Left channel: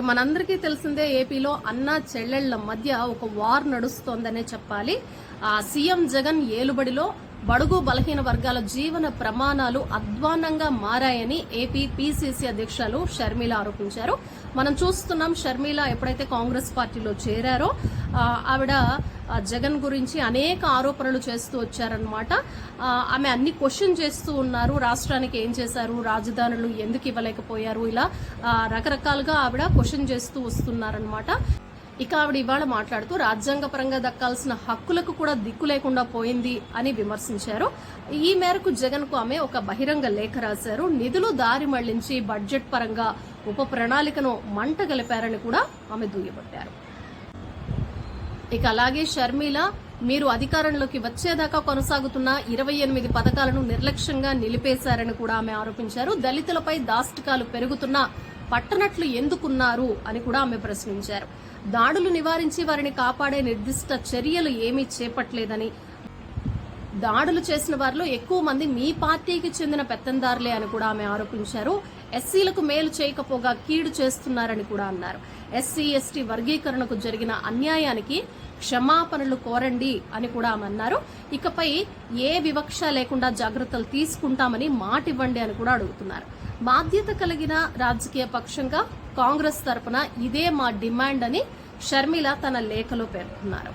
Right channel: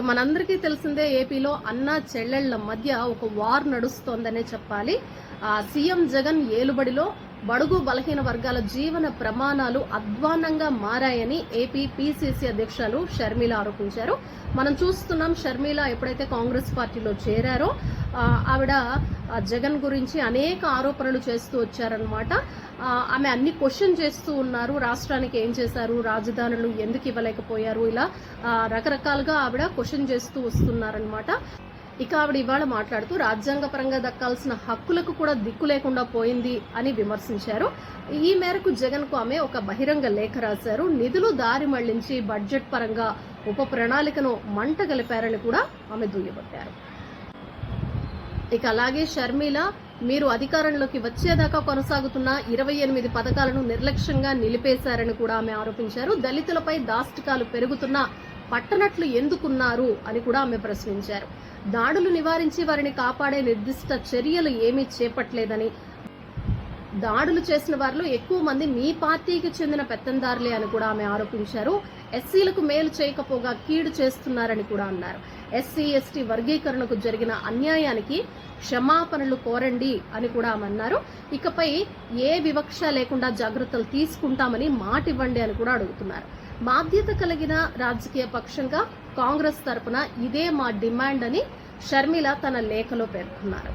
ఇక మనందరికీ తెలిసిందే ఏపీలో అన్న చెల్లెళ్ల మధ్య ఒక వార్ నడుస్తోందనే చెప్పాలి. సీఎం జగన్ ఏలుబడిలో బడుగు బలహీన వర్గాల జీవన ప్రమాణాలు అధ్వాన్నంగా మారాయని ఏపీ పీసీసీ అధ్యక్షులు షర్మిల ఆరోపించారు. మనం చూస్తున్నాం, షర్మిల ఎప్పుడైతే కాంగ్రెస్ పార్టీలో చేరారో ఆవిడ జగన్ గురించి అనేక ఆరోపణలు చేస్తూ వచ్చారనమాట. ఆమె అన్ని క్వశ్చన్ చేస్తూ ఉన్నారు. రాష్ట్రానికి ఏం చేశారు, రాజధానులు ఎందుకు ఇవ్వలేకపోయారు, ఇలా రకరకాలుగా ఆవిడ క్వశ్చన్ చేస్తూ వస్తున్నారనమాట. ఇక ఆవిడ ఇవాళ మాట్లాడుతూ రాజ్యాంగపరంగా దక్కాల్సిన హక్కులకు కూడా దిక్కు లేకుండా పోయింది అని విమర్శించారు. ఈ మేరకు జగన్ కు ఆమె ఒక బహిరంగ లేఖ రాశారు. నిధులు దారి మళ్లించి బడ్జెట్ పరంగా ఉప ప్రణాళికను మంట గలిపారని కూడా ఆమె దుయ్యబట్టారు. ఇక అలాగే షర్మిల, మీరు అధికారంలోకి వచ్చేదాకా కొనసాగుతున్న 28 పథకాలను నిర్లక్ష్యంగా నిలిపేశారని కూడా ఆమె ఆరోపించారు. దళితులపై దాష్టికాలు పెరుగుతున్నా పట్టనట్లు ఎందుకున్నారు అని కూడా ఆమె ప్రశ్నించారు. దాడులు నివారించి వారిని కాపాడే నిర్దిష్ట చర్యలు ఏమీ చేపట్టలేదని, దాడులు చేసిన వారిలో ఎక్కువ మంది మీ పార్టీకి చెందిన పెత్తందారులే అని కూడా ఆమె ఆరోపించారు. ఎస్సీలకు మేలు చేయకపోగా కీడు చేస్తున్నారని కూడా అన్నారు. ఎస్సీ ఎస్టీ వర్గీకరణకు జరిగిన అన్యాయానికి క్షమాపణలు కోరండి అని కూడా ఆమె అన్నారు. ఇకపై ఏ వివక్ష లేకుండా జాగ్రత్తలు తీసుకుంటామని మాటివ్వండి అని కూడా అడుగుతున్నారు. బాధ్యత కలిగిన రాజకీయ పక్షంగా కాంగ్రెస్ తరపున ఇదే మా డిమాండ్ అని షర్మిల తన లేఖలో పేర్కొన్నారు.